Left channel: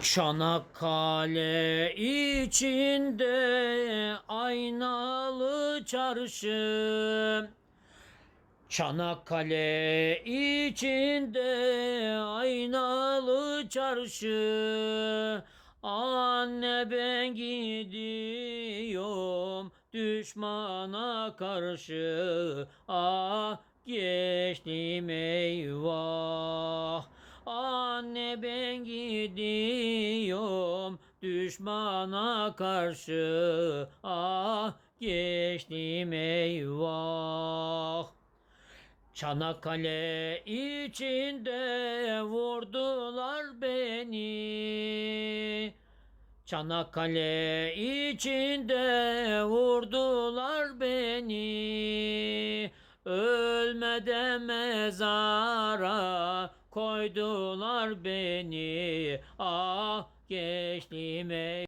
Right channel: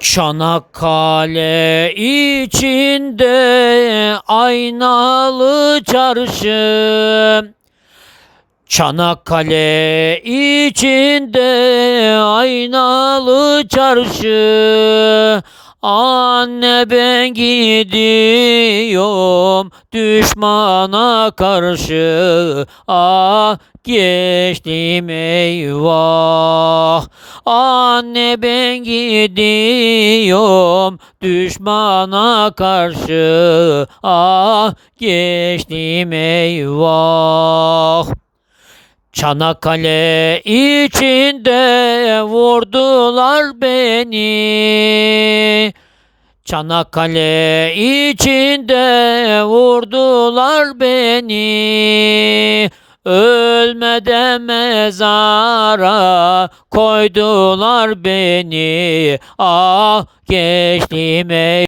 Çanakkale içinde aynalı çarşı. Çanakkale içinde aynalı çarşı. Anne ben gidiyorum düşmana karşı. Ah geçtim eyvah. Anne ben gidiyorum düşmana karşı. Ah geçtim eyvah. Çanakkale içinde vurdular beni. Çanakkale içinde vurdular beni. Ölmeden mezara koydular beni. Ah geçtim ey